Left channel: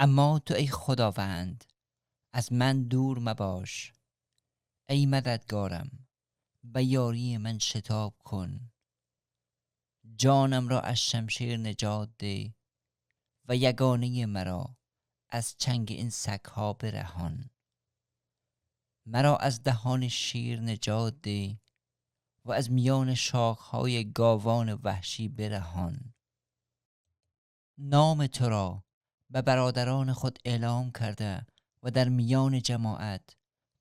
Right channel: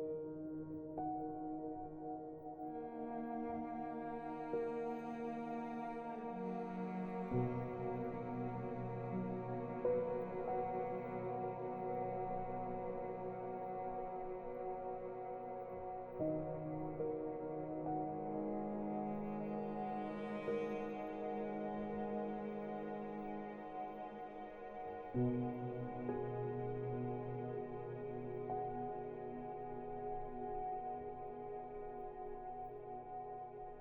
اما تو ای خداوند از من دور مباش، ای مددگارم و یاری من شتاب کن. جانم را از شمشیر نجات ده و یگانه مرا از چنگ این سگ‌ها برهان. مرا از دهان شیر نجات ده و از میان شاخهای گاوان وحشی برهان. نام تو را به برادران خود اعلام کرده و در میان جماعت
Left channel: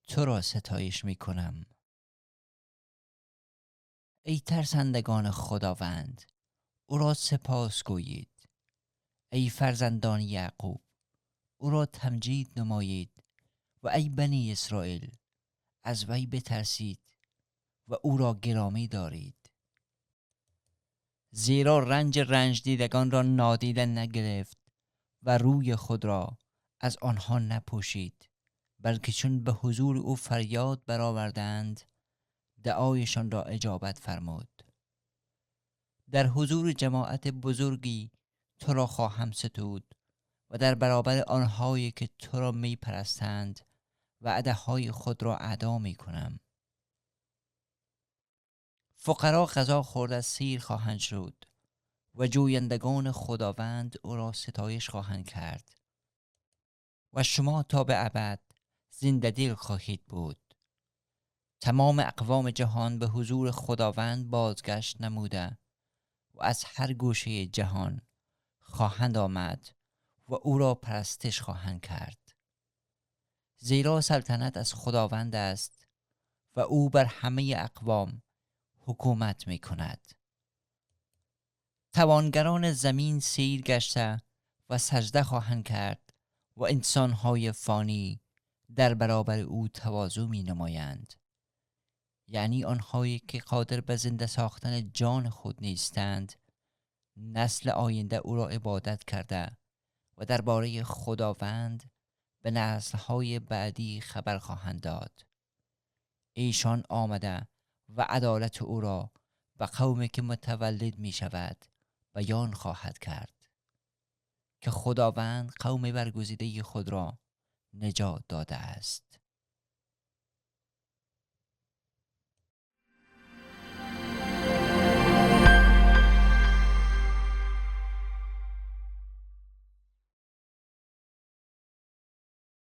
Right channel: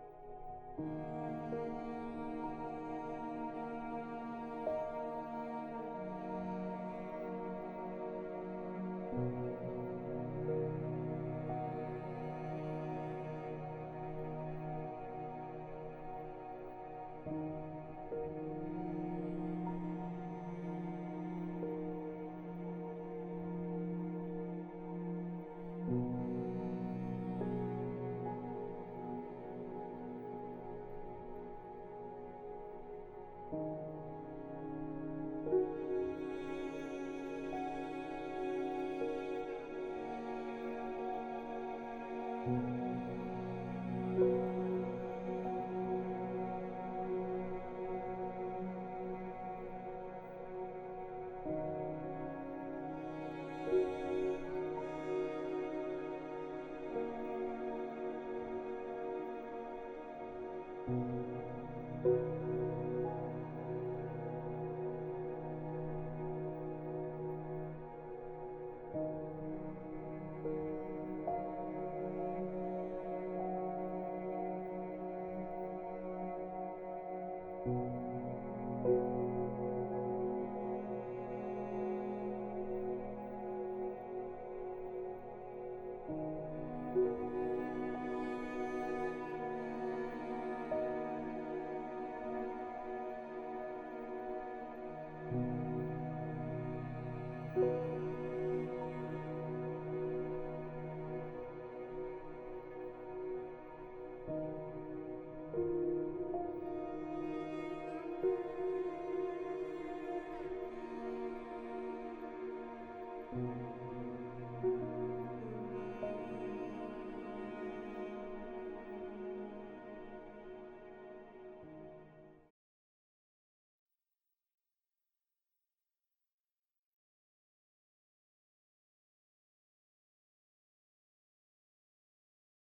تو را ستایش می کنم. ای ترسندگان خداوند، او را سپاس گویید. ای فرزندان یعقوب، او را تمجید نمایید. و ای بنی اسرائیل، از وی بترسید و او را گرامی دارید. زیرا رنج دیدگان را نادیده نگرفت و روی خود را از آنها نپوشید، بلکه چون به حضور او فریاد برآوردند دعایشان را اجابت فرمود. در حضور جماعت بزرگی تو را خواهم ستود و در برابر آنهایی که تو را می پرستند وعده‌های خود را ادا می کنم. فقرا غذا خورده سیر خواهند شد و جویندگان خداوند او را ستایش خواهند کرد و شما تا به ابد زنده دل خواهید بود. تمام اقوام جهان به حضور خداوند بازگشت نموده و از هر گوشه جهان خواهند آمد و او را پرستش خواهند کرد. زیرا سلطنت از خداوند است و او بر همه اقوام حکومت می کند. توانگران زمین سیر گشته و سجده خواهند کرد و انسانهای فانی در برابر او تواضع می نمایند، یعنی آنهایی که قادر به زنده ساختن جان خود نیستند. نسل آینده او را عبادت کرده و درباره خداوند به نسل‌های بعدی خبر خواهند داد. ایشان آمده و عدالت او را و قومی که متولد می شود بیان خواهد کرد که خداوند قوم برگزیده خود را نجات داده است.